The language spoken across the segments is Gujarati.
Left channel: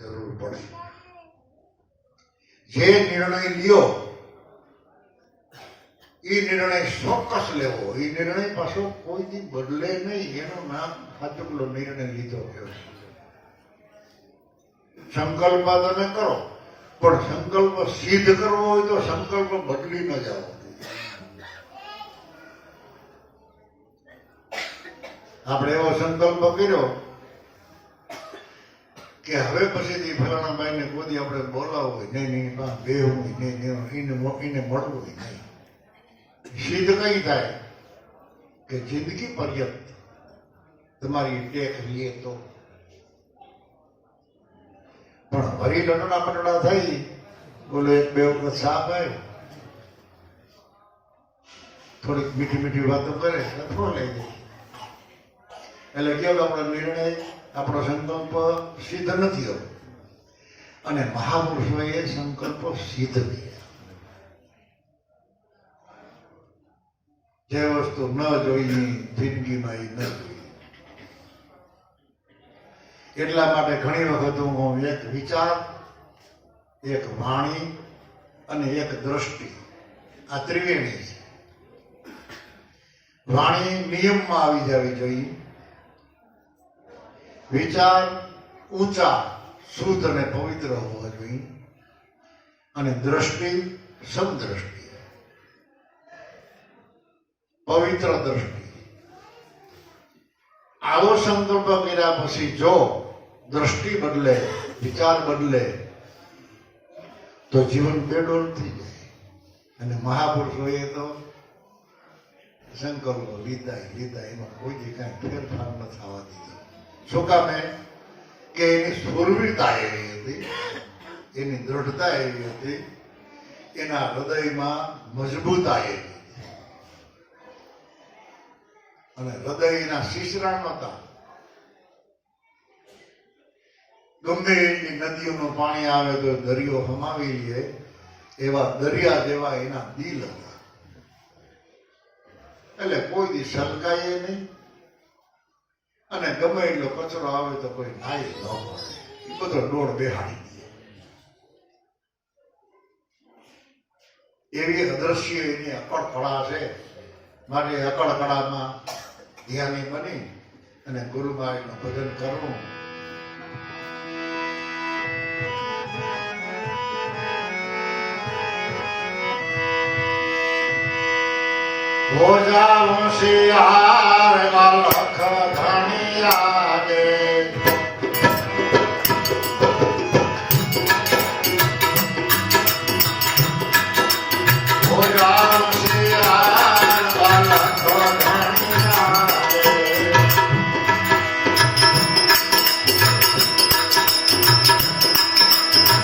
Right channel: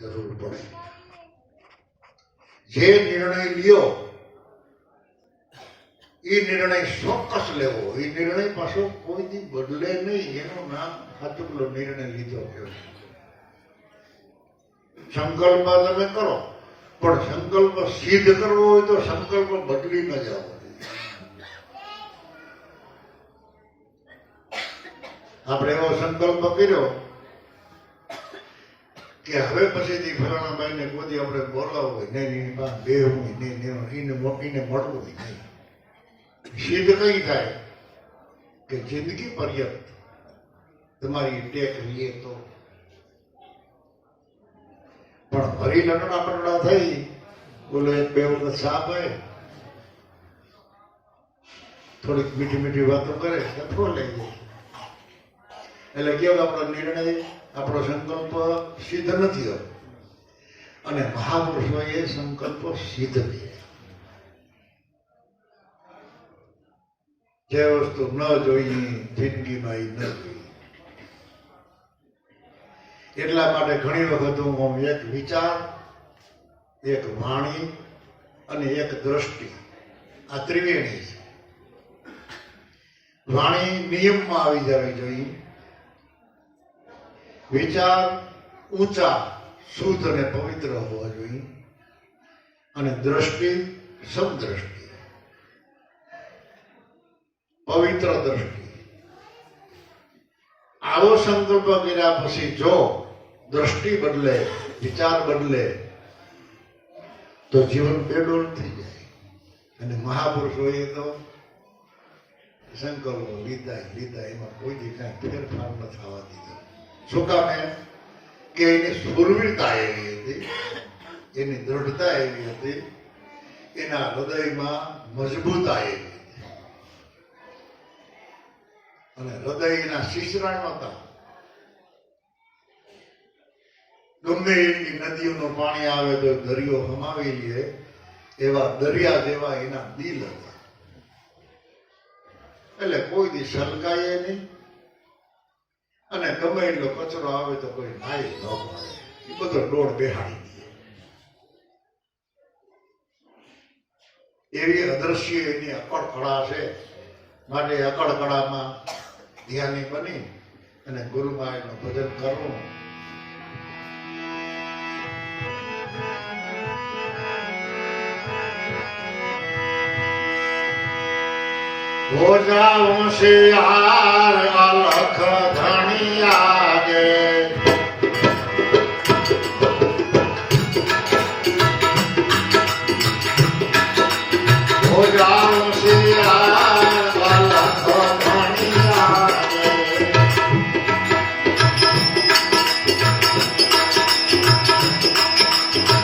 જરૂર પડે. જે નિર્ણય લ્યો એ નિર્ણય ચોક્કસ લેવો. એ નિર્ણય પાછો કોઈથી બદલે નહીં. એનું નામ સાચુકલો નિર્ણય લીધો કહેવાય. સંકલ્પ તમે કરો, પણ સંકલ્પ સિદ્ધ કરવો હોય તો સંકલ્પ બદલી ન જાઓ. આપણે એવો સંકલ્પ કર્યો કે હવે પછીથી ફલાણા ભાઈને કોઈ આપણે બોલાવવું હોય નહીં, બેહવું હોય નહીં, એને મળવું હોય નહીં. સિદ્ધ કઈ થાય કે જિંદગી પર્યંત તમારી ટેક લે તો. પણ હરી લણણા પણડા થઈ બોલો એક બે વખત સાપ આવે, થોડીક મીઠી મીઠી વાતો કરે, અથડો લઈ જાય. એટલે કેવો આપણો નિર્ણય, આપણો સંકલ્પ સિદ્ધ નથી હોતો. અને મહાપુરુષોએ સંકલ્પો સિદ્ધ કર્યા. જે વસ્તુ ન જોઈ જિંદગીમાં એ ન જોઈ. એટલા માટે ઘણી વખત હું એક વિચાર, એક વાણી અને એક દ્રષ્ટિ, આ ત્રિવેણી છે. વાણી નિયમમાં આવી જવી જોઈએ, વિચાર ઊંચા શુદ્ધ અને પવિત્ર હોવા જોઈએ, અને દ્રષ્ટિ સદદ્રષ્ટિ, પવિત્ર દ્રષ્ટિ. આવો સંકલ્પ કર્યા પછી જો દ્રષ્ટિ બદલે, વિચાર બદલે, તો જીવન બેડોળ થઈ જાય. અને મહાપુરુષોએ તો સંકલ્પો લીધા, એમાં કોઈ કાંઈ ફેરફાર ન થવા દીધો. શું કામે? કે એની સુરવીરતા એવી હતી, એની દ્રઢતા એવી હતી, એના હૃદયમાં મજબૂતા એવી હતી. અને હૃદયના શીશરા નહોતા. ગમે એટલી નદીઓનું પાણી આવે તો દરિયો હમાવી લે એવા દરિયા જેવા એના દિલ હતા. એટલે કોઈ દી સલકાય નહીં, અને ગમે એટલો કચરો આવે તો કોઈ નાઈ ન પડે. એ બધો ડોળ બેહાડી દે. એવી અદ્રશ્ય એની અકળ કળા છે. માટે અકળ કળામાં ધ્યાની બની અને ગુરુમાઈનું ભજન કરવું. ભોજાવું શિયાર અલખ ધણિયા ગે, ભોજાવું શિયાર અલખ ધણિયા ગે.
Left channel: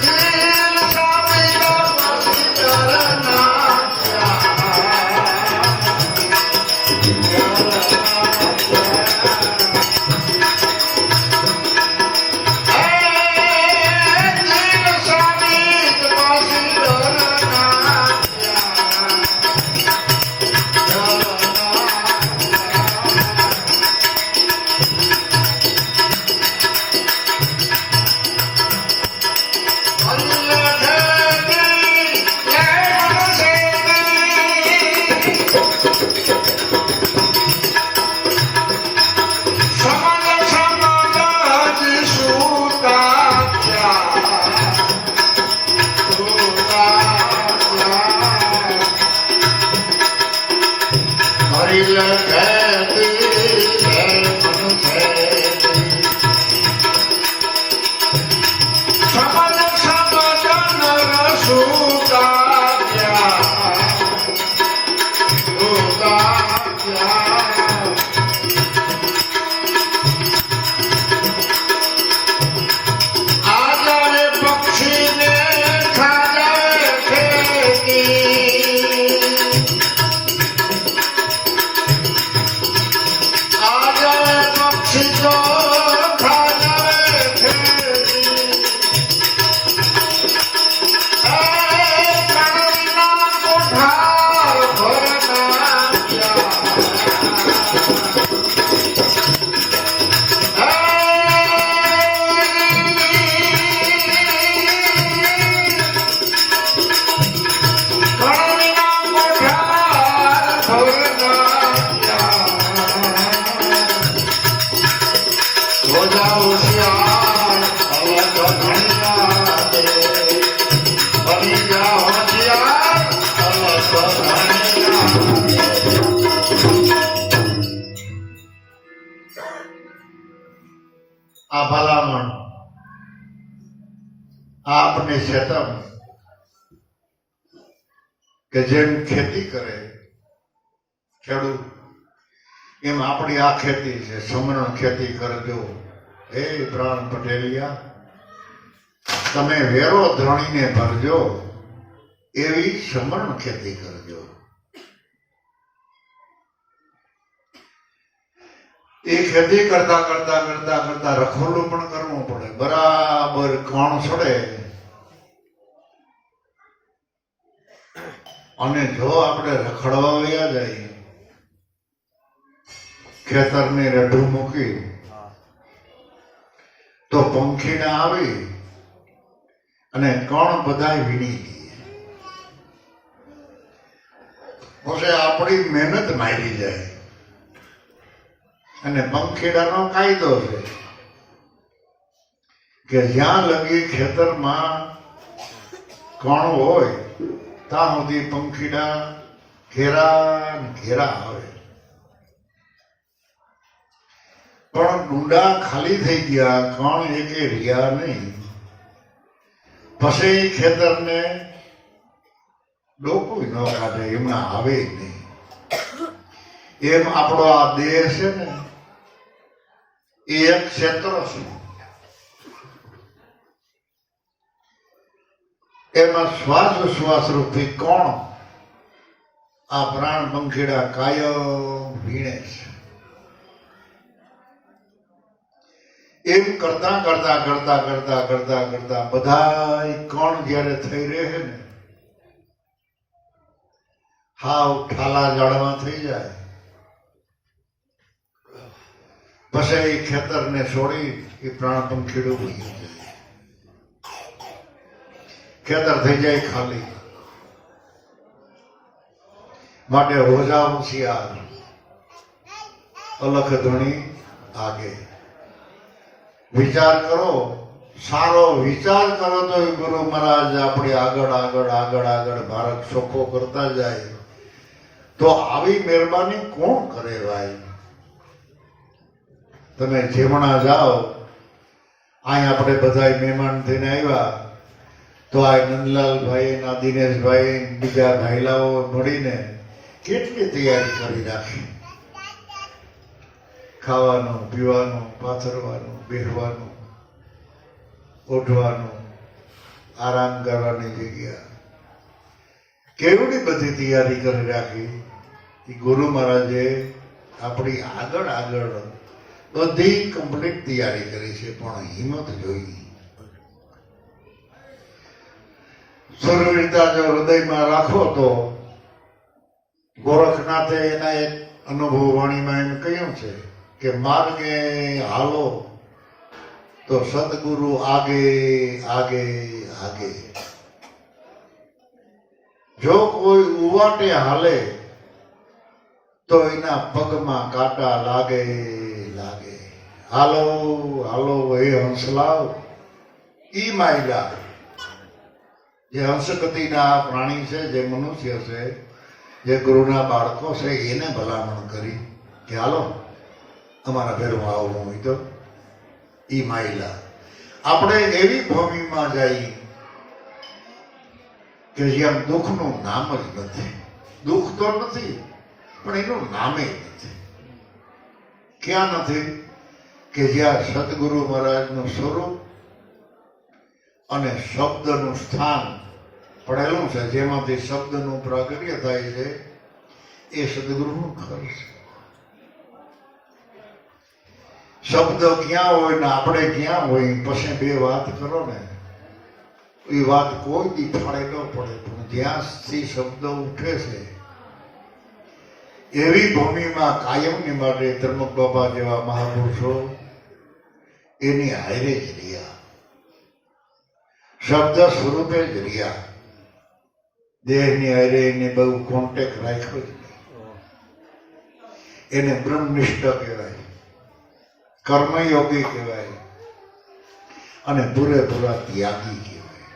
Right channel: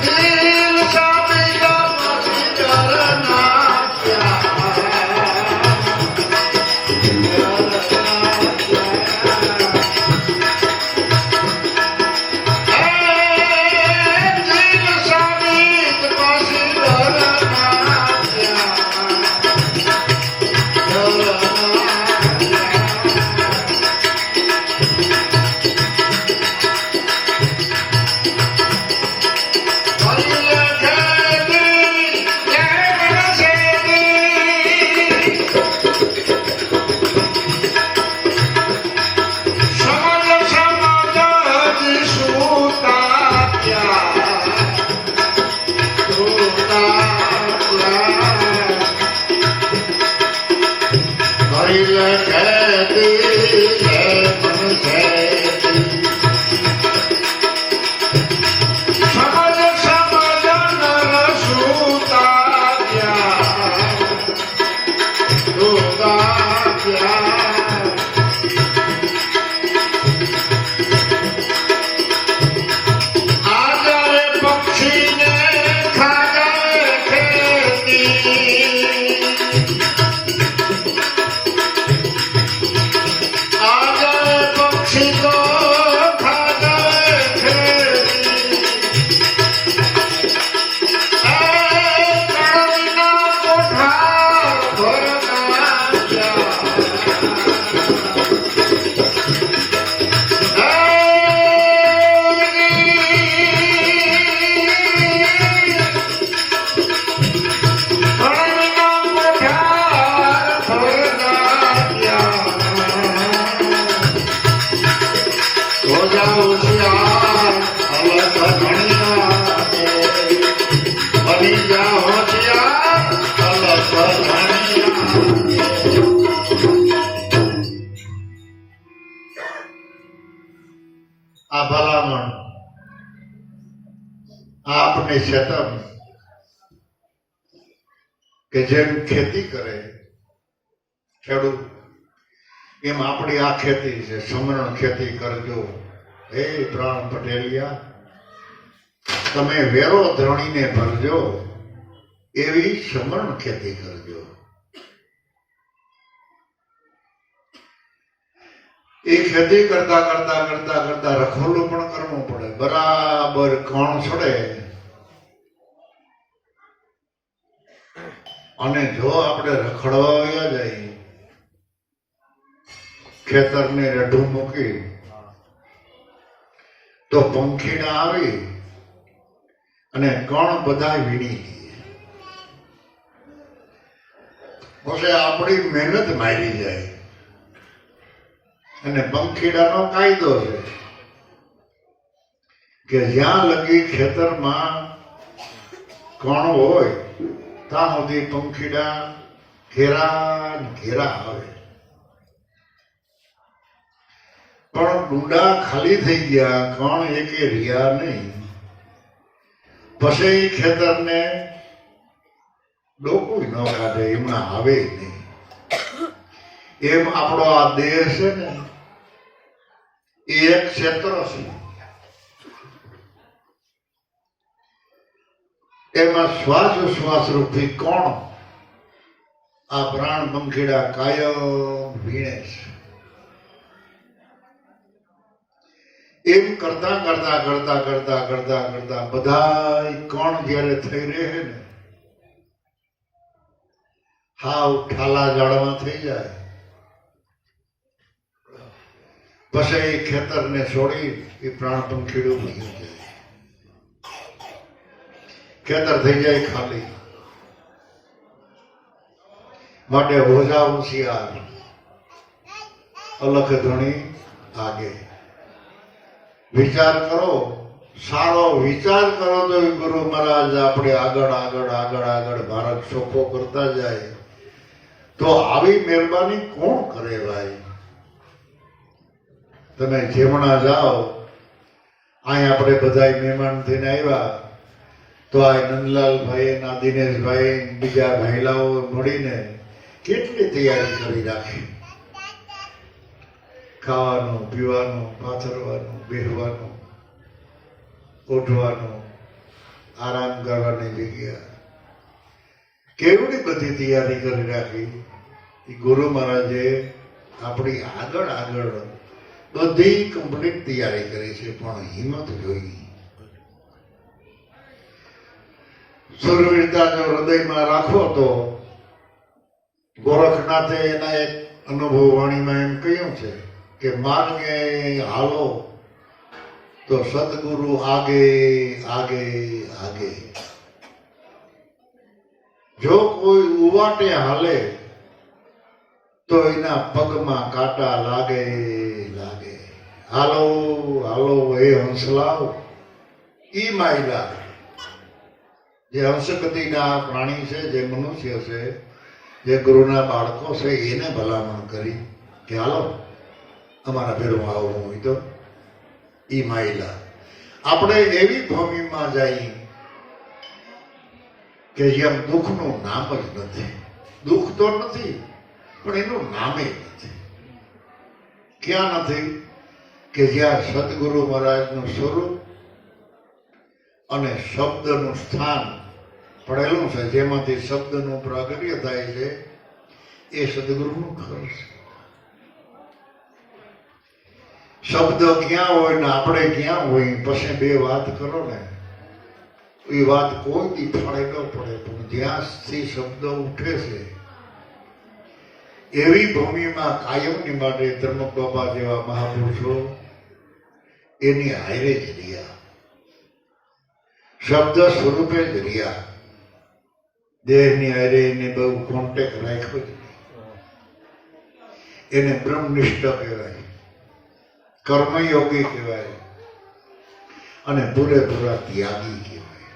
દિલ સબીરો ચરના Oh, આપને ચેતન કે જેમ ખેતી કરે ખેડૂત એમ આપણી આ ખેતી છે, સમરણ ખેતી કરજો. હે પ્રાણ પટેલિયા, તમે વેરો ધણીને ભરજો, એવી સમરણ ખેતી કરજો. એ ખેતી કરતા કરતા કરતા કરતા રખોડું પણ કરવું પડે. બરાબર કણ છોડે અને જો આપણે રખડવા વયા જાય, ખેતરને રઢું મૂકી તો પંખીને આવી અને કણ બધા વીણી દે. પછી આપણી મહેનત મારી જાય. અને પંખીડાનો કાયદો છે કે જ્યાં લગી ખેતરમાં કણ હોય ત્યાં સુધી પંખીડા ઘેરા ને ઘેરા આવે. પણ ડુંડા ખાલી થઈ ગયા, કણ એકે રહ્યા નહીં. પછી ખેતરને ડોકું ન કાઢે, એમના આવે નહીં. એમ આપણો આ દેહ છે ને, એ એક ક્ષેત્ર છે. એમાં શ્વાસ ઉશ્વાસ રૂપી કોણ આ પ્રાણ પંખીડા કાયમ વીણે છે. એમ કરતા કરતા કરતા કરતા કરતા કરતા બધા કણ જયારે થઈ રહે ને, હાવ ઠાલા જાડવા થઈ જાય. પછી એ ખેતરને છોડી એ પ્રાણ પંખીડું ઉડી જાય. ખેતર થઈ જાય ખાલી. માટે રોજા હોશિયાર, અલખ ધણી આગે. વિચાર કરો, સારો વિચાર કરો તો ગુરુ મહારાજ આપણે આગળ આગળ આગળ આગળ ભારત ચોખ્ખો કરતા જાય. તો આવી મહેરબાની કોણ કરે ભાઈ? તમે જેમણા જાઓ, અહીં આપણે બધા મહેમાન થઈને આવ્યા તો આ નંદલાલભાઈ ના દિનેશભાઈ બીજા ભાઈલાઓ મળીને કેટલી તૈયારી કરી રાખી. ખાવાનું, પીવાનું, પાથરવાનું, બેસવાનું, ઉઠવાનું, આરામ કરવાની જગ્યા, કેવડી બધી તૈયારી કરી રાખી. એ ગુરુ મહારાજે આપણી આગળ આગળ બધી કમ્પ્લીટ તૈયારી કરી છે. પણ હિંમત જોઈ. સુરવીરતા જો હૃદયમાં રાખો તો ગોરખનાથે એના એક અનુભવ વાણીમાં એમ કહ્યું છે કે માર્ગે હાલો તો સદગુરુ આગે આગે આગે. જો કોઈ ઉવાટે હાલે તો એના પગમાં કાંટા લાગે લાગે. હાલો હાલો હે હંસલાવ. ઈ માયલા જે હંસગતિના પ્રાણી છે, જે મનુષ્ય છે, જે ગુરુના બાળકો છે, એને ભલામણ કરી કે હાલો અમારા ભેરમાં આવવું હોય તો. ઈ માયલા આપણે એવી ભૂમિમાં જઈ કે જ્યાં દુઃખનું નામ જ નથી. દુઃખ તો નથી પણ એનું નામે નથી. ક્યાં નથી? કે જ્યાં સદગુરુ મહારાજનું સ્વરૂપ અને શબ્દનું સ્થાન પડેલું છે, જેમાંથી શબ્દનું પ્રાગટ્ય થાય છે, એ સદગુરુનું ઘર છે. શબ્દ ક્યાં હોય ને આપણે ક્યાં હોય, પછી બે વાત કરો ને, એ વાત કોઈ દી ફાળે ન પડે. પણ જ્યાંથી શબ્દ ઉઠે છે એવી ભૂમિમાં કાયમની માટે ધર્મક બાબા જેવા મહાપુરુષો એની હારે જ રહ્યા. શબ્દ સ્વરૂપે જ રહ્યા. દેહની હારે એને બહુ કોન્ટેક્ટ રાખ્યો જ નહીં. એને બ્રહ્મનિષ્ઠ કહેવાય, કર્મયોગી કહેવાય અને પૂરેપૂરા ત્યાગી કહેવાય,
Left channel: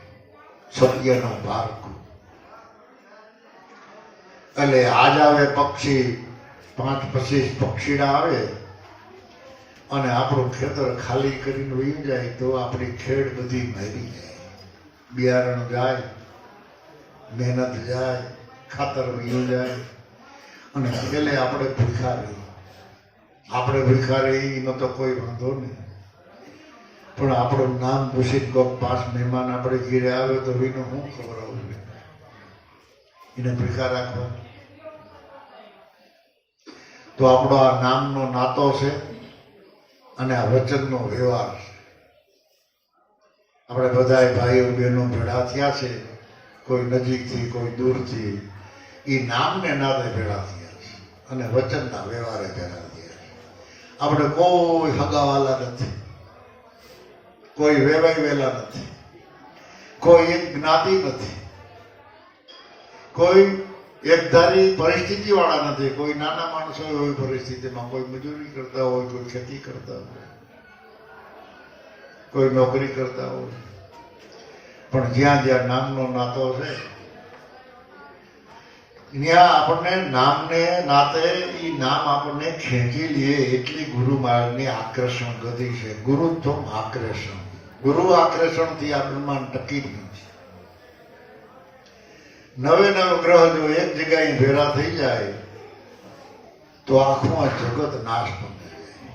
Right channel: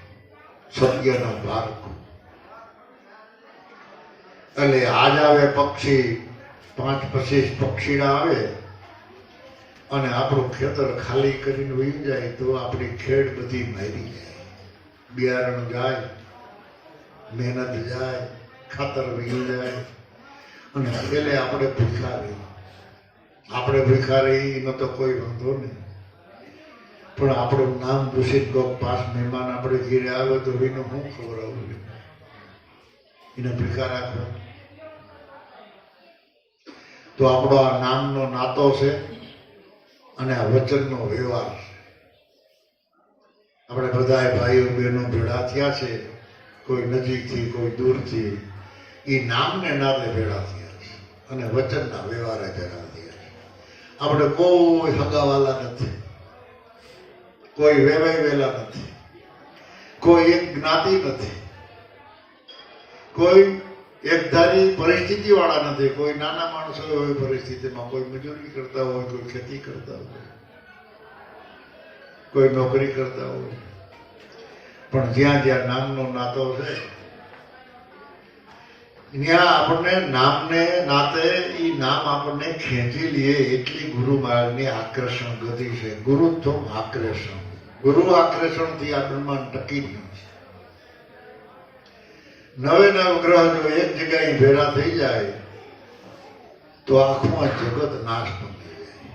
સત્યનો પારખું. એટલે આજ આવે પક્ષી, 5-25 પક્ષીડા આવે અને આપણું ખેતર ખાલી કરીને વહી જાય તો આપણી ખેડ બધી મારી જાય. બિયારણ જાય, મહેનત જાય, ખાતર વહી જાય, અને છેલ્લે આપણે ભૂખા રહી. આપણે ભૂખા રહી એનો તો કોઈ વાંધો નહીં, પણ આપણું નામ પૂછીને કોઈક 5 મહેમાન આપણે ઘેરે આવે તો એને શું ખબર આવશે? એને ભૂખા રાખવા. તો આપણો આ નામનો નાતો છે અને આ વચનનો વ્યવહાર છે. આપણે બધાએ ભાઈઓ બહેનો ભેળા થયા છે, કોઈ નજીકથી કોઈ દૂરથી, એ નામને નાદે ભેળા થયા છે અને વચનના વ્યવહારે ભેળા થયા છે. આપણે કોઈ હગાવાલા નથી, કોઈ વેવાઈ વેલા નથી, કોઈ એક જ્ઞાતિ નથી, કોઈ એકધારી પરિસ્થિતિ વાળા નથી. કોઈ નાના માણસો હોય પરિસ્થિતિમાં, કોઈ મજૂરી કરતા હોય, કોઈ ખેતી કરતા હોય, કોઈ નોકરી કરતા હોય, પણ જ્યાં જ્યાં નામનો નાતો છે ત્યાં આપણને નામને નાતે એ નામ આપણને ખેંચી લઈએ એટલી ગુરુ માર્ગની આકર્ષણ ગતિ છે. ગુરુત્વમ આકર્ષણ. ગુરુ આકર્ષણથી આ બ્રહ્માંડ ટકી જ નથી. નવે નવ ગ્રહ જો એક જગ્યાએ ભેળા થઈ જાય તો આખું આ જગત નાશ પામી જાય.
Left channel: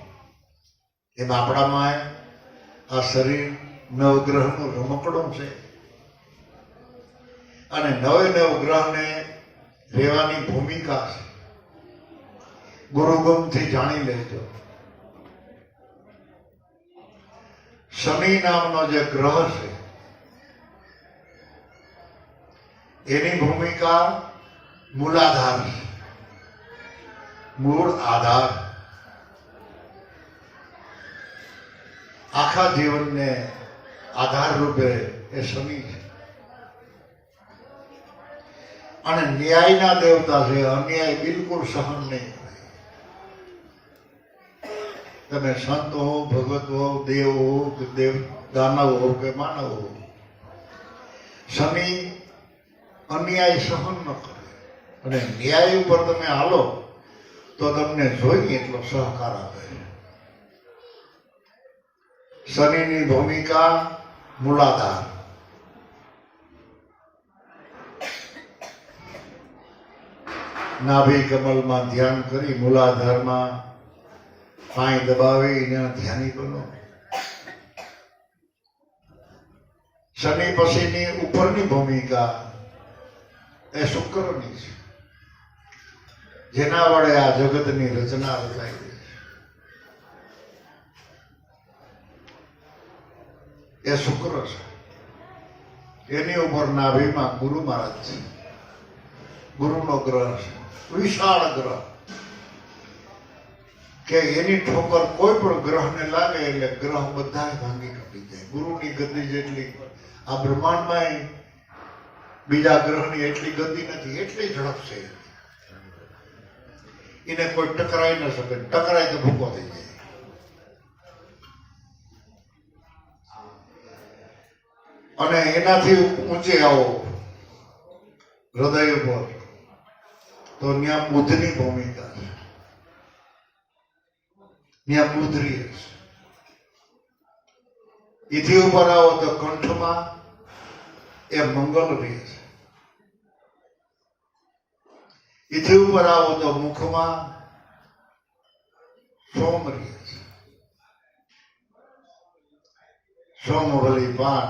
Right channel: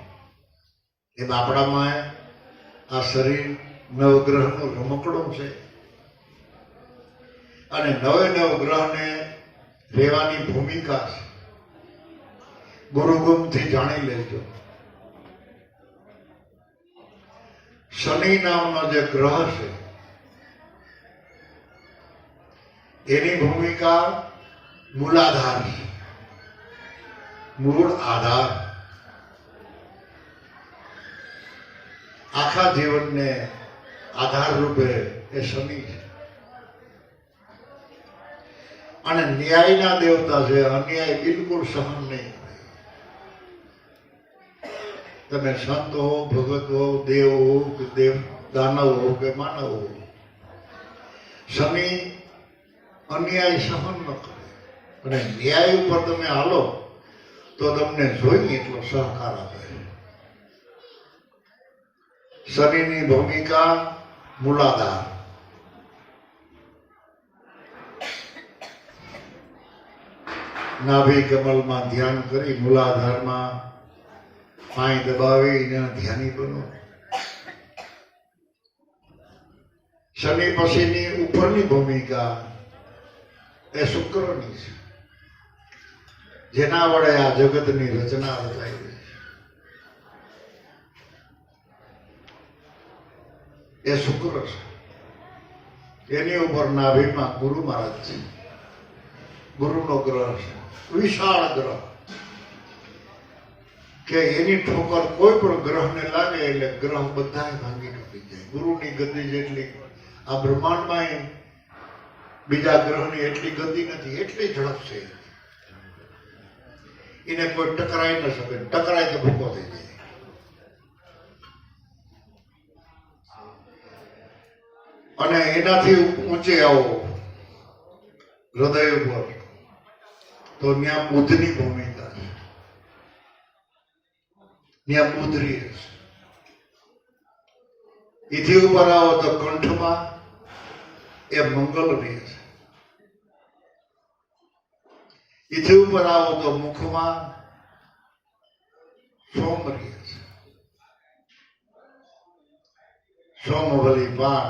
એમ આપણામાં આ શરીર નવગ્રહનું રમકડું છે અને નવે નવ ગ્રહને રહેવાની ભૂમિકા છે. ગુરુગુમથી જાણી લેજો. શનિ નામનો જે ગ્રહ છે એની ભૂમિકા મૂલાધાર છે, મૂળ આધાર. આખા જીવનને આધાર રૂપે એ શનિ છે અને ન્યાયના દેવતા છે. અન્યાય બિલકુલ સહન નહીં. તમે સંત હો, ભગત હો, દેવ હો કે દાનવ હો કે માનવ હો, શનિ અન્યાય સહન ન કરે અને ન્યાય ઉપર તમે હાલો તો તમને જોઈએ એટલો સહકાર આપે. શનિની ભૂમિકા મૂલાધાર. નાભી કમલમાં ધ્યાન કરી મૂલાધારમાં પાય દબાવી એના ધ્યાની બનો. શનિ પછીની ઉપરની ભૂમિકા એ શુક્રની છે, જેના વડે આ જગતની રચના રચાઈ રહી છે. એ શુક્ર છે. એની ઉપર નાભીમાં ગુરુ મહારાજ છે. ગુરુનો ગ્રહ છે, વિશાળ ગ્રહ કે એની ઠોકર કોઈ પણ ગ્રહને લાગે એટલે ગ્રહ બધા ભાંગી તૂટી જાય. ગુરુની ગતિ જેટલી આ બ્રહ્માંડમાં બીજા ગ્રહની એટલી ગતિ નથી, એટલી ઝડપ છે. એને કોઈ ટકરાઈ ન શકે. ટકરાય તો ભૂકો થઈ જાય. અને એનાથી ઊંચે આવો હૃદય ઉપર તો ત્યાં બુદ્ધની ભૂમિકા છે. ત્યાં બુદ્ધ રહે છે. એથી ઉપર આવો તો કંઠમાં એ મંગલ રહે છે. એથી ઉપર આવો તો મુખમાં સોમ રહે છે. સોમવલી પાન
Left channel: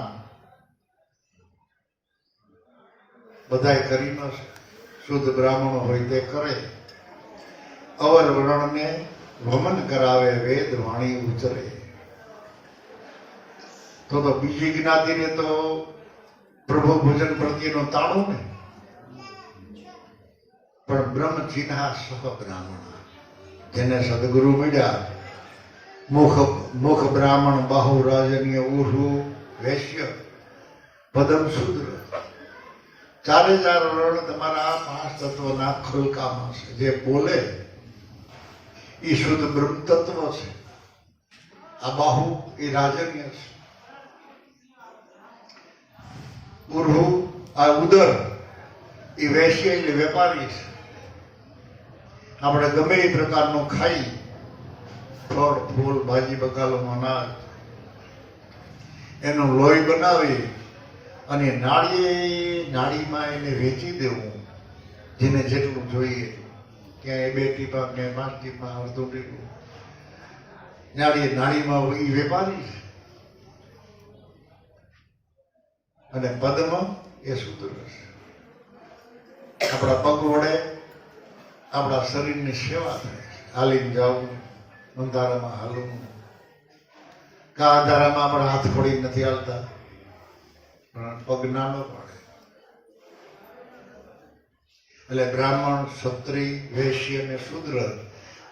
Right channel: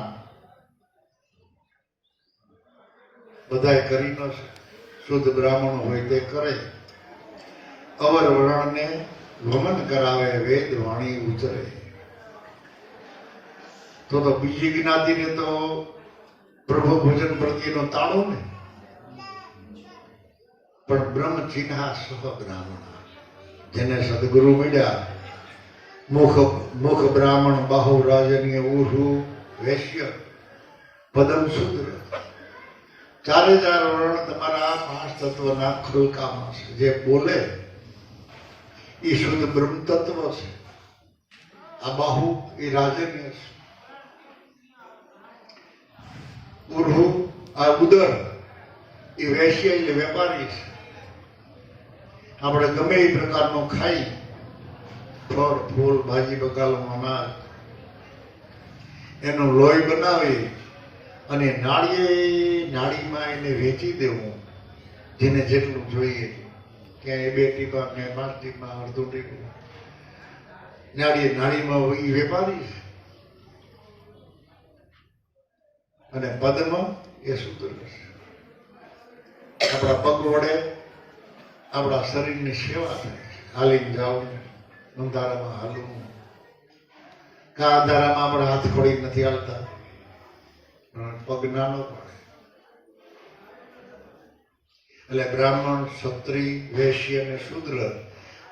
બધાય કરી ન શકે. શુદ્ધ બ્રાહ્મણ હોય તે કરે. અવર વર્ણને વમન કરાવે, વેદ વાણી ઉતરે. તો બીજી જ્ઞાતિને તો પ્રભુ ભોજન પ્રત્યેનો તાળો ને, પણ બ્રહ્મ ચિન્હા સહ બ્રાહ્મણ, જેને સદગુરુ મળ્યા, મુખ બ્રાહ્મણ, બાહુ રાજનીય, ઉર્હુ વૈશ્ય, પદમ શુદ્ર. ચારે ચાર વર્ણ તમારા 5 તત્વના ખોલકામાં છે. જે બોલે એ શુદ્ધ બ્રહ્મ તત્વ છે. આ બાહુ એ રાજન્ય છે. ઉર્હુ આ ઉદર એ વૈશ્ય એટલે વેપારી છે. આપણે ગમે એ પ્રકારનો ખાઈ, ફળ ફૂલ ભાજી બકાલો અનાજ એનું લોહી બનાવી અને નાળીમાં એને વેચી દેવું, જેને જેટલું જોઈએ, ક્યાંય 2 ટીપા, ક્યાંય 5 ટીપા, અડધું ટીપું, નાળીમાં એ વેપારી છે. અને પદમાં એ સૂત્ર છે. આપણા પગ વડે આપણા શરીરની સેવા થાય છે. હાલીને જવું, અંધારામાં હાલવું, કા અંધારામાં આપણા હાથ પડી નથી હાલતા, પગ નાનો પડે. એટલે બ્રાહ્મણ, ક્ષત્રિય, વૈશ્ય અને શૂદ્ર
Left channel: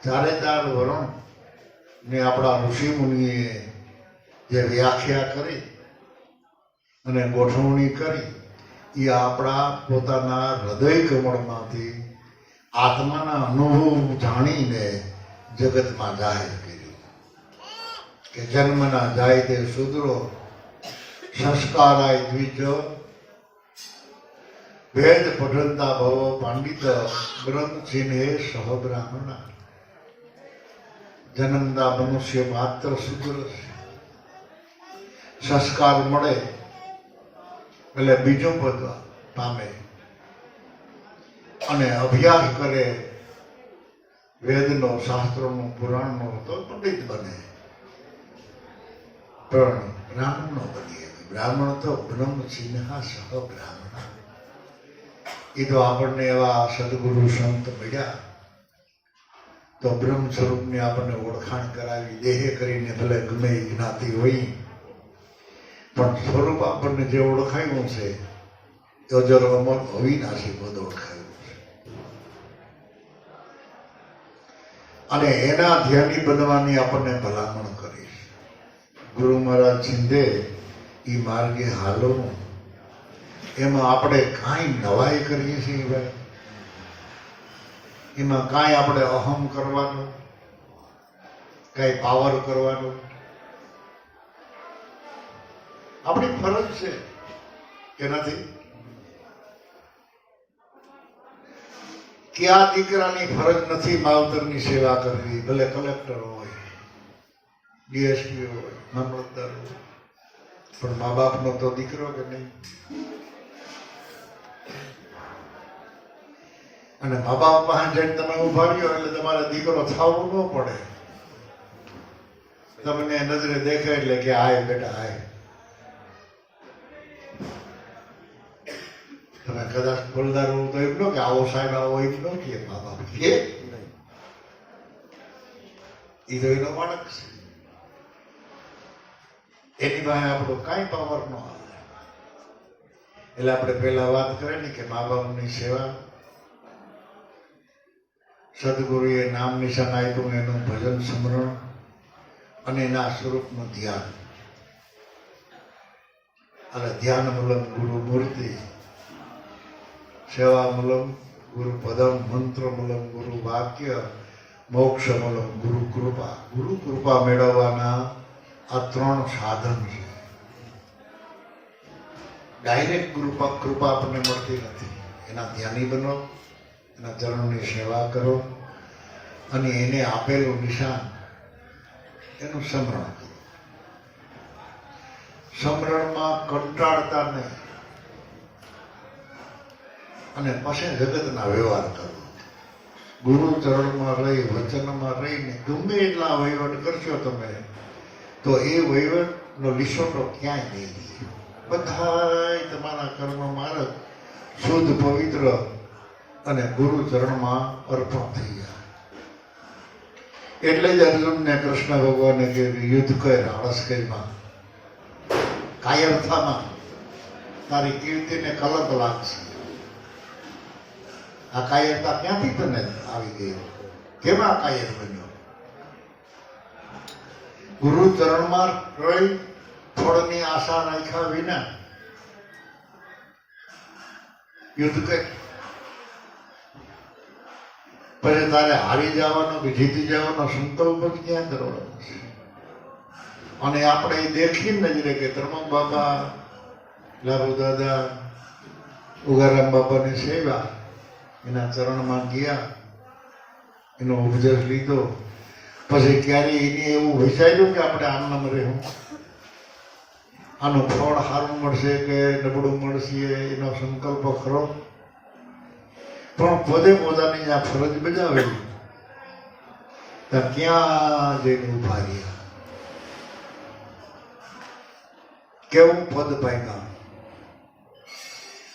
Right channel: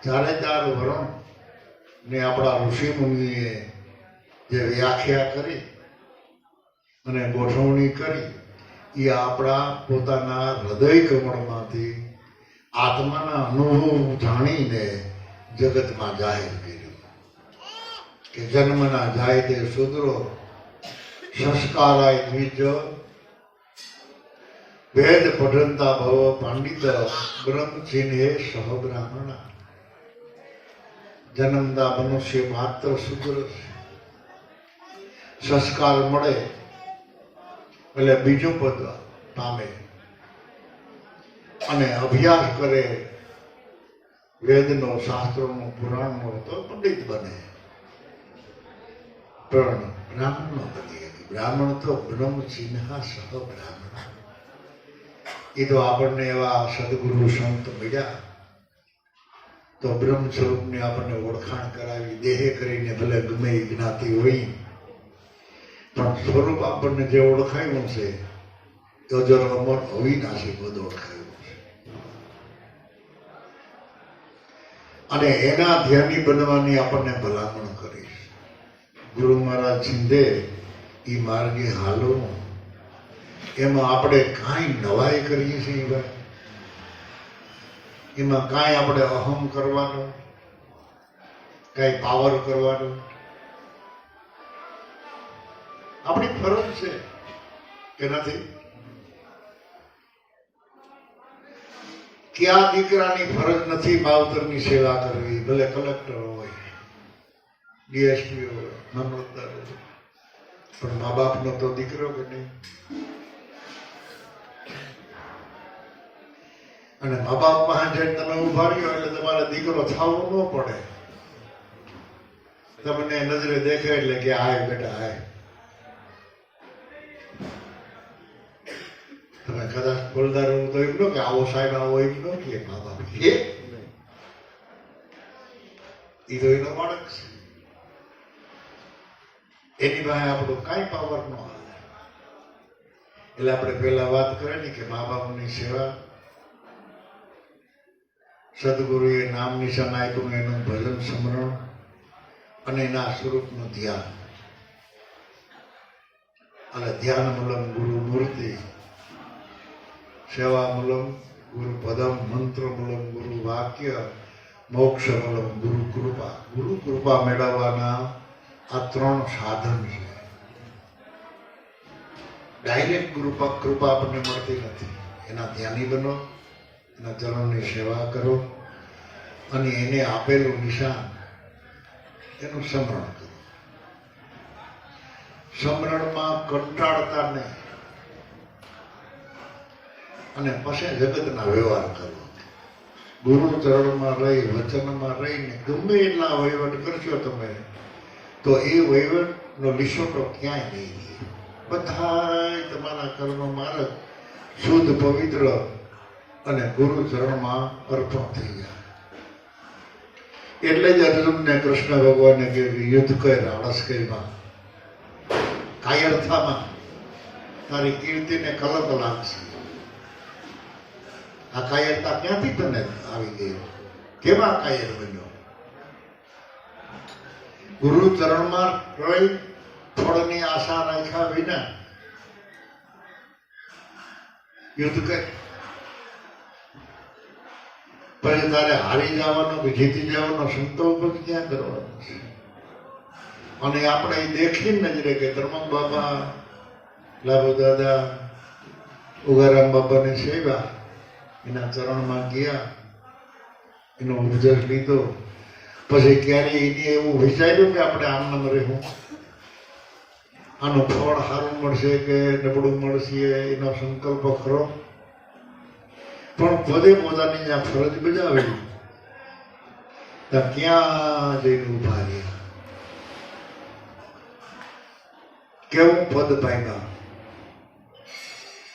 4 વર્ણ ને આપણા ઋષિ મુનિએ જે વ્યાખ્યા કરી અને ગોઠવણી કરી, એ આપણા પોતાના હૃદય કમળમાંથી આત્માના અનુભવ જાણીને જગતમાં જાહેર કર્યું કે જન્મના જાય તે શૂદ્રો, સંસ્કારાય દ્વિજ, વેદ પઠનતા ભવ પાંડિત, બ્રહ્મ ચિહ્ને સહ બ્રાહ્મણા. જન્મતા મનુષ્ય માત્ર શૂદ્ર છે. સંસ્કાર મળે એટલે બીજું પદ પામે અને અભ્યાસ કરે વેદનો, શાસ્ત્રોનો, પુરાણનો, તો પંડિત બને. પણ બ્રાહ્મણ નો બની. બ્રાહ્મણ તો બ્રહ્મ ચિહ્ન સહ બ્રાહ્મણ. એ તો આપણને એવા સદગુરુ સંત મળ્યા તો બ્રહ્મ સ્વરૂપની આપણને ઓળખાણ કરાવી. દેહે કરીને ભલે ગમે એ જ્ઞાતિ હોય, પણ સ્વરૂપ આપણને જે ઓળખાયું છે અજર અમર અવિનાશી પદ ઓળખાયું છે. અને એના ધ્યાની બનવાની આપણને ભલામણ કરી છે. ગુરુ મહારાજ છિંદે એ માર્ગે હાલો. એમાં આપણે કાંઈ નવાઈ કરીએ છીએ ભાઈ? એમાં કાંઈ આપણે અહમ કરવાનો, કાંઈ પાવર કરવાનો? આપણી ફરજ છે કે નથી? કે આ દીકરાની ફરજ નથી માવતરની સેવા કરવી, ભલે કલેક્ટર હોય, ડીએસપી હોય, મામલતદાર હોય, પણ મા બાપનો તો દીકરો કે નહીં? અને મા બાપ પાસે જઈને તમે ઉભા રહ્યો એટલે તમારા દીકરો થવો ન પડે. તમને નજરે દેખાય એટલે કે આય બેટા આય. તમે કદાચ બોલદાર હોવ તો એમ કે આવો સાહેબ આવો એમ ન કે મા બાપ કે એ તો એનો બાળક છે. એની પાસે આપણો કાંઈ પાવર ન આવે. એટલે આપણે પેલા વાત કરે ને કે મા બાપની સેવા, સદગુરુએ નામ નિશાન આપ્યું એનું ભજન સ્મરણ અને એના સ્વરૂપનું ધ્યાન. અને ધ્યાન મૂલમ ગુરુ મૂર્તિ, સેવા મૂલમ ગુરુ પદમ, મંત્ર મૂલમ ગુરુ વાક્ય, મોક્ષ મૂલમ ગુરુ કૃપા. ગુરુ કૃપા મેળવવાના આ 3 સાધન છે. ડાયરેક્ટ કૃપા આપણને મળતી નથી. એના ધ્યાની બનો, એના ચરણની સેવા કરો અને એને આપેલું નિશાન એનું સ્મરણ કરો. સ્મરણમાં કંટાળતા નહીં અને પછી જગતના વ્યવહાર કરો. ગુરુ ચરણમાં રહી, વચનમાં રહીને ગમે એટલા વહીવટ કરશો તમે તો એ વહીવટનો લીસોટો ક્યાંય નહીં રહે. બધા તમારા કર્મ માર્ગ શુદ્ધ, પવિત્ર અને ગુરુ ચરણમાં અર્પણ થઈ ગયા. એટલે જ અર્જુનને કૃષ્ણ ભગવાને કહ્યું યુદ્ધ કર, આળસ કરીમાં, કાયરથામાં તારી કીર્તિને કલંક લાગશે. આ કાયરતા ક્યાંથી તને આવી ગઈ? કેવા કાયર બન્યો? ગુરુ ચરણમાં રહી ફળની આશા રાખ્યા વિના યુદ્ધ કરી. પછી તારે હારી જવાનો કે જીતી જવાનો સંકલ્પ જ ક્યાં કરવાનો છે? અને આપણે એ દેખીને જ રે કે ધર્મક બાબા, લાભુ દાદા, ઉગારામ બાબાની સેવા, એના ચરણમાં ગયા, એનો ઉપદેશ લીધો. પછી ક્યારે એને એવું વિચાર્યું કે આપણે આમ રહેવું? આનું ફળ સારું મળશે કે નબળું મળશે એનો સંકલ્પ ખરો, પણ પોતે પોતાની આ ફરજ બજાવી ત્યાં ક્યાં જઈને ઉભા રહ્યા, કેવું પદ પામ્યા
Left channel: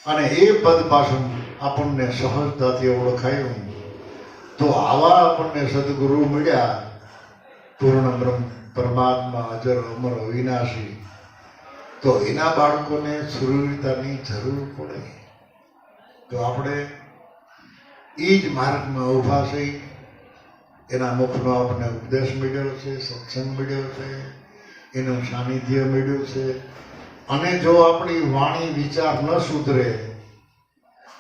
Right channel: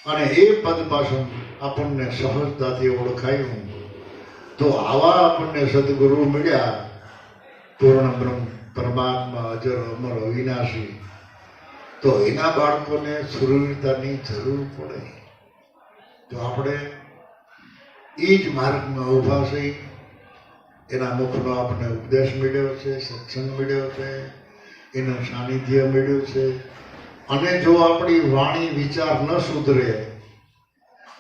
અને એ પદ પાછળ આપણને સહજતાથી ઓળખાયું. તો આવા આપણને સદગુરુ મળ્યા, પૂર્ણ બ્રહ્મ પરમાત્મા અજર અમર અવિનાશી. તો એના બાળકોને સુરવીરતાની જરૂર પડે. તો આપણે એ જ માર્ગમાં ઊભા થઈ. એના મુખનો આપણે ઉપદેશ મળ્યો છે, સત્સંગ મળ્યો છે, એનું સાનિધ્ય મળ્યું છે. અને જો આપણી વાણી વિચાર ન સુધરે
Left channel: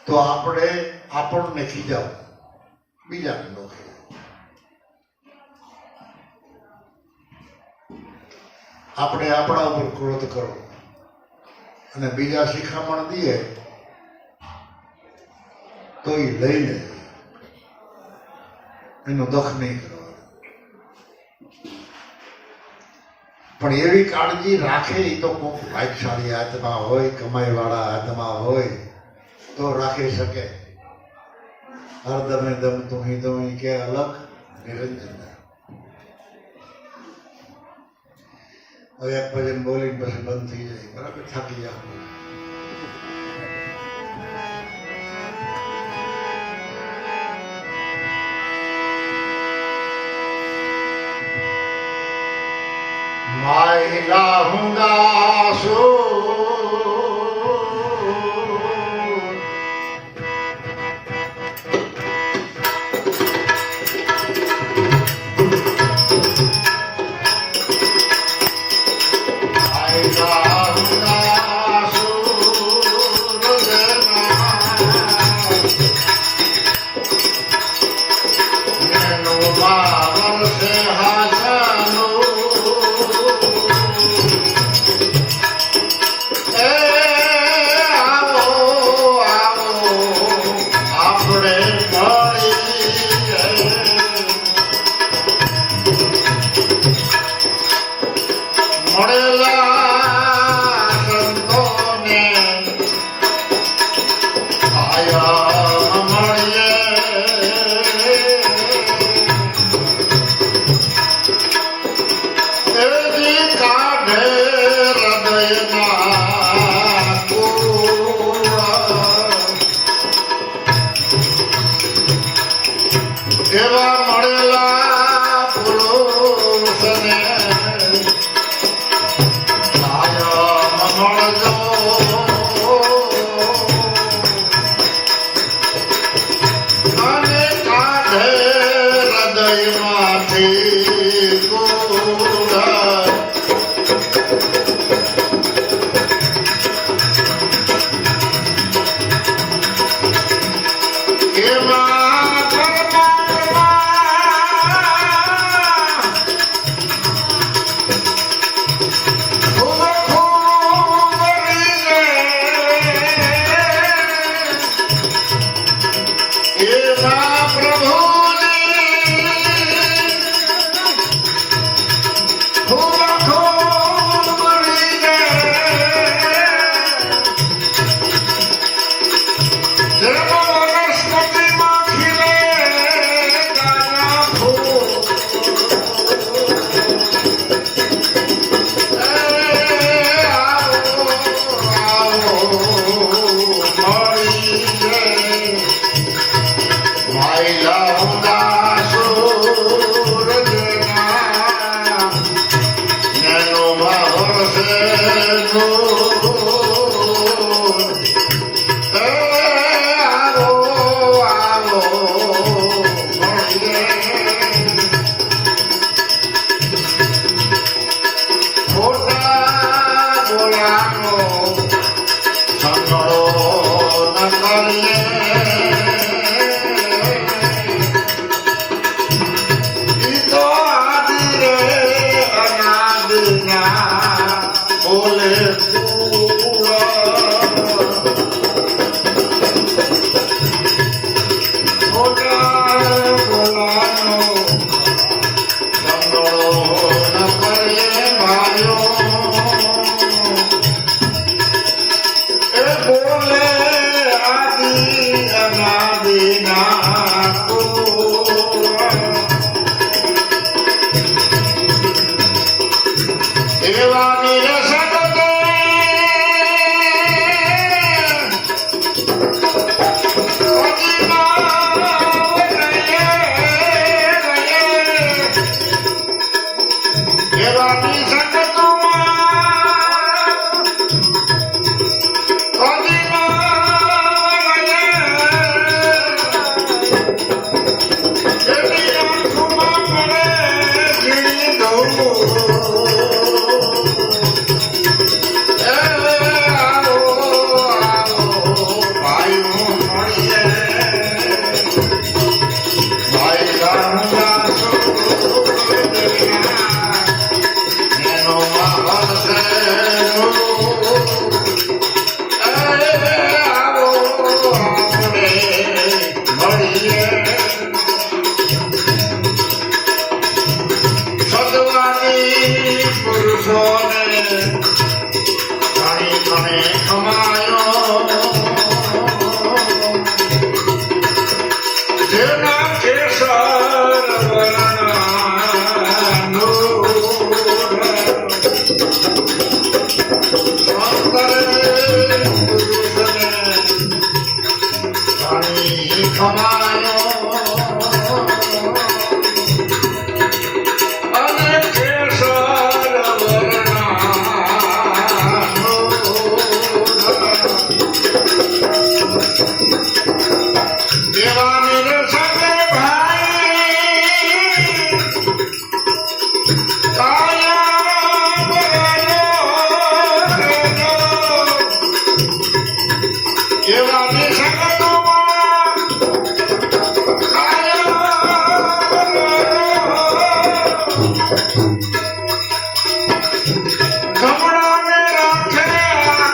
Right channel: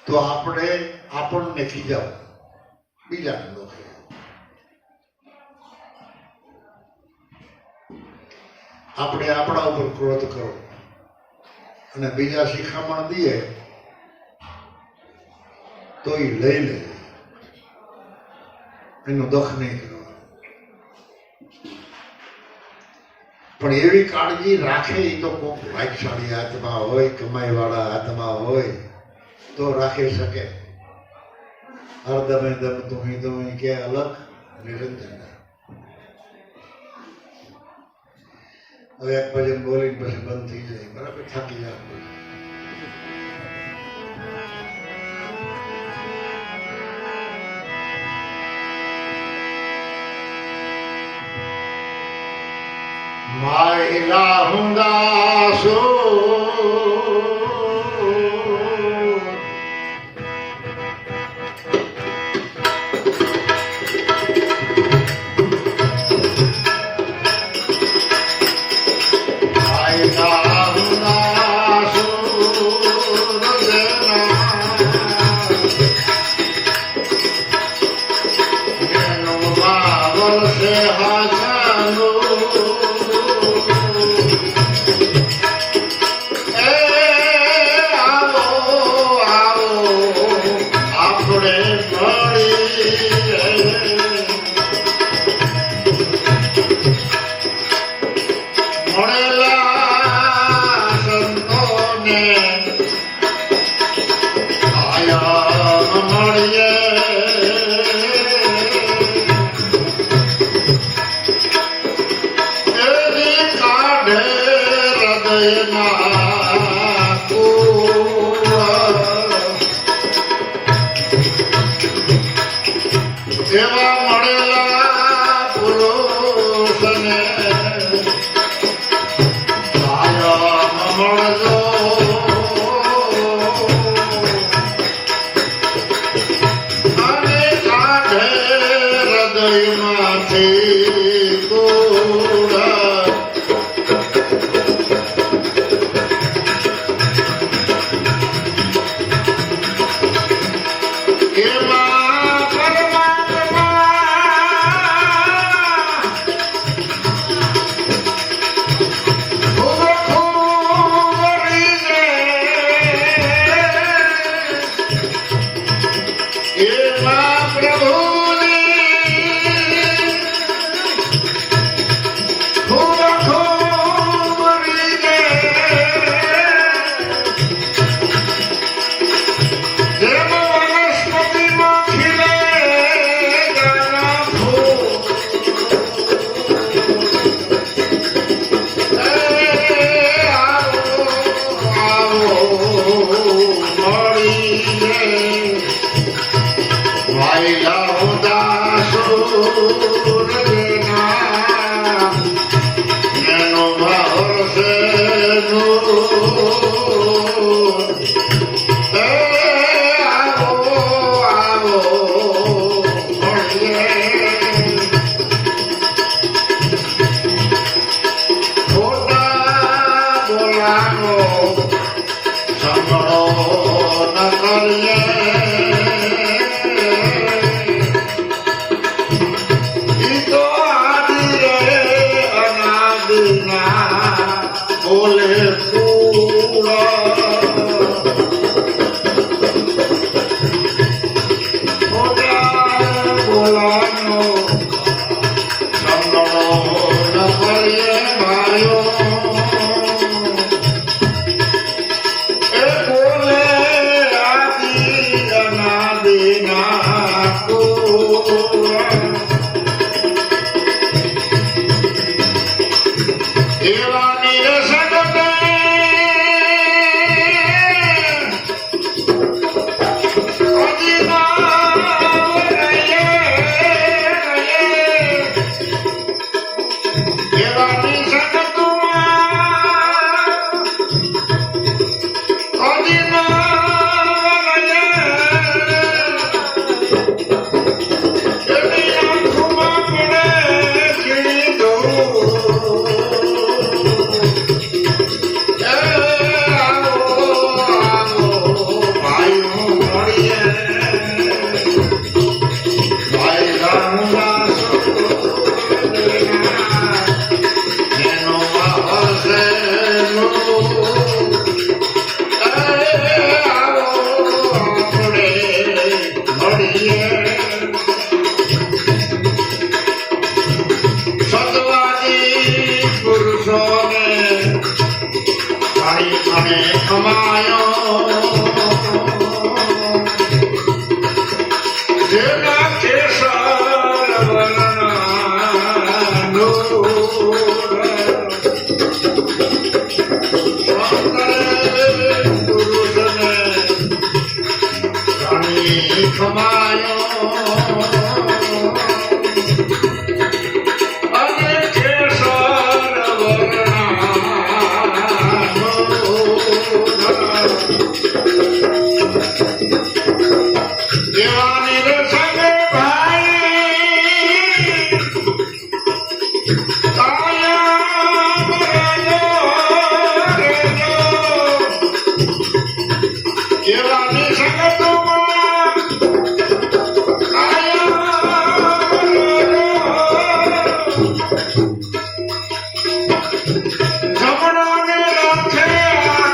તો આપણને ખીજાવ, બીજાને ન ખીજાવ. આપણે આપણા ઉપર ક્રોધ કરો અને બીજા શિખામણ દઈએ તો એ લઈ લે, એનું દખ નહીં કરવાનું. પણ એવી કાળજી રાખે એ તો કોઈક ભાગ્યશાળી આત્મા હોય, કમાઈ વાળા આત્મા હોય તો રાખી શકે. હરદમે દમ તુહી તુહી કે અલગ નિરંજન. હવે એક ભજન બોલીને પછી બંધ થઈ જાય, બરાબર થાકી જાય. માયલા હુંદાસો ખમાયો જેના કેસર વર્ણનો ખમાયો અને કેસર વર્ણનો દેવાની રસમે ભાઈ કાયા બરેલો દેવાની સગતમાં કાયા બરેલો જમણાને રાખે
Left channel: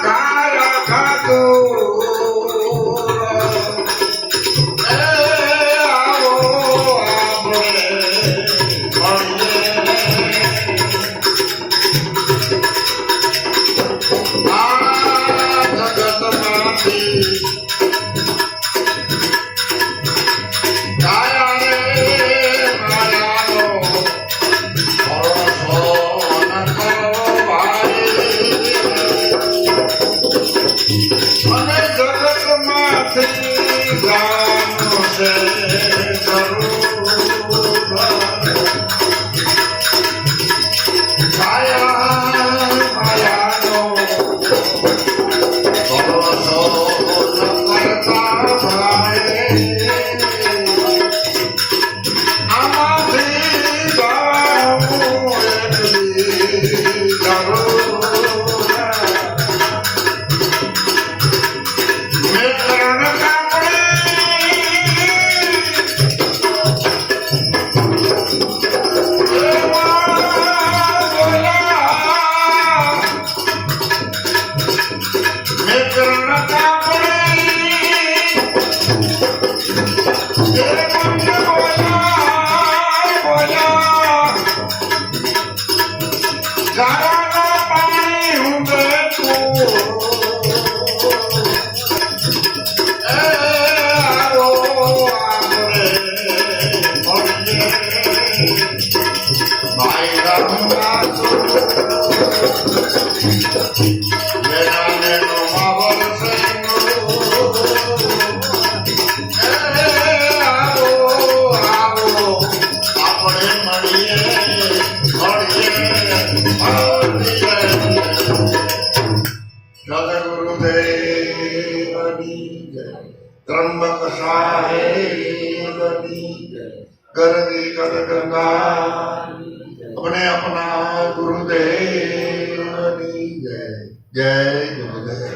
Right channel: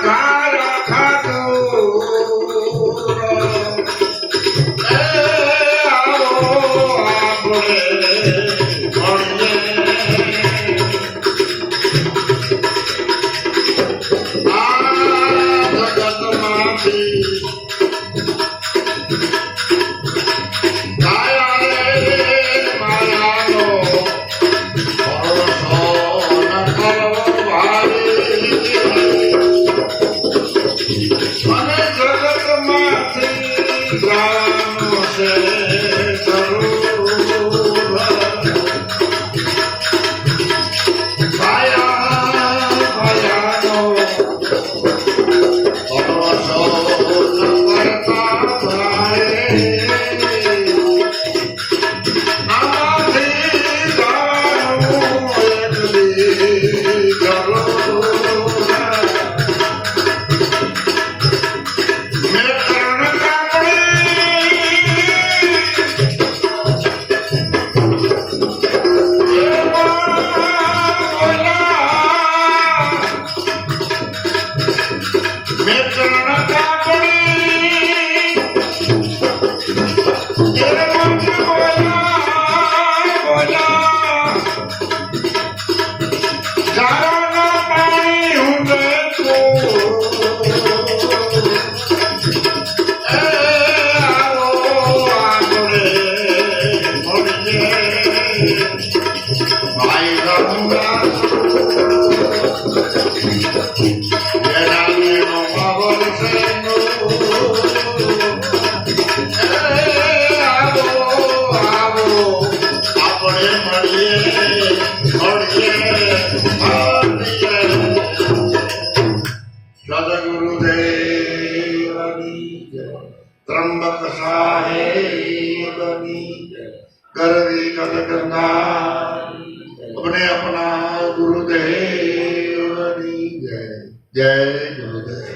ઘાયા ખાતું त्र्यंबक साहेब गरवी कर गंगा अपने अपना गुरुदेव जय जय गुरुदेव।